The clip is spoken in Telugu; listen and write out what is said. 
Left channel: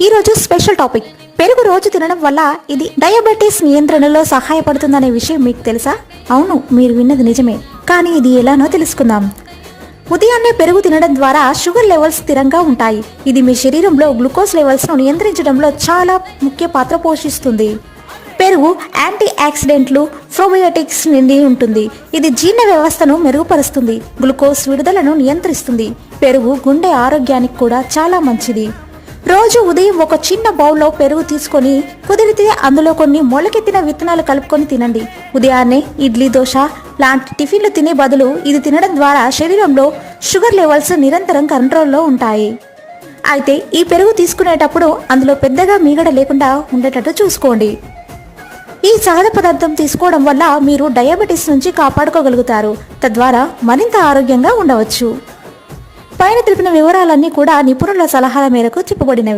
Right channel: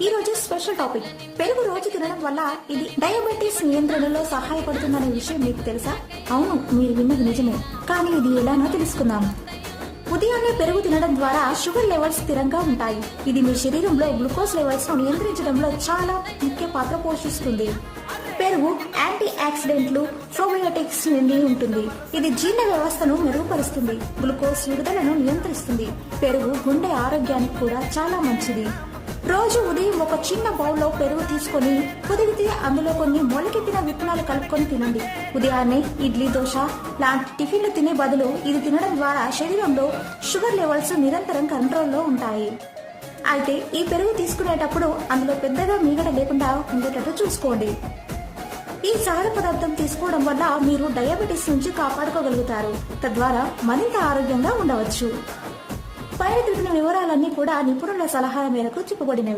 ఈరోజు స్పెషల్ టాపిక్, పెరుగు రోజు తినడం వల్ల ఇది డయాబెటీస్ నియంత్రణలో సహాయపడుతుందనే విషయం మీకు తెలుసా? అవును, మీరు విన్నది నిజమే. కానీ ఇది ఎలానో తెలుసుకుందాం. ఉదయాన్నే పెరుగు తినడం ద్వారా షుగర్ లెవెల్స్ స్థిరంగా ఉంటాయి. ఇది మీ శరీరంలో గ్లూకోజ్ లెవెల్స్ ను నియంత్రించడంలో చాలా ముఖ్య పాత్ర పోషిస్తుంది. పెరుగు యాంటీ ఆక్సిడెంట్లు, ప్రోబయోటిక్స్ నిండి ఉంటుంది. ఇది జీర్ణ వ్యవస్థను మెరుగుపరుస్తుంది, గ్లూకోజ్ విడుదలను నియంత్రిస్తుంది. పెరుగు గుండె ఆరోగ్యానికి కూడా చాలా మంచిది. రోజు ఉదయం ఒక చిన్న బౌల్లో పెరుగు తీసుకొని కుదిరితే అందులో కొన్ని మొలకెత్తిన విత్తనాలు కలుపుకొని తినండి. ఉదయాన్నే ఇడ్లీ, దోశ లాంటి టిఫిన్లు తినే బదులు ఇది తినడం ద్వారా శరీరంలో షుగర్ లెవెల్స్ నిరంతరం కంట్రోల్లో ఉంటాయి. అయితే ఈ పెరుగు తీసుకునేటప్పుడు అందులో పెద్దగా మీగడ లేకుండా ఉండేటట్టు చూసుకోండి. ఈ సహజ పదార్థం తీసుకోవడం వల్ల మీరు డయాబెటీస్ నుంచి కాపాడుకోగలుగుతారు. తద్వారా మరింత ఆరోగ్యంగా ఉండవచ్చు. పైన తెలిపిన వివరాలన్నీ కూడా నిపుణుల సలహాల మేరకు చెప్పబడినవి.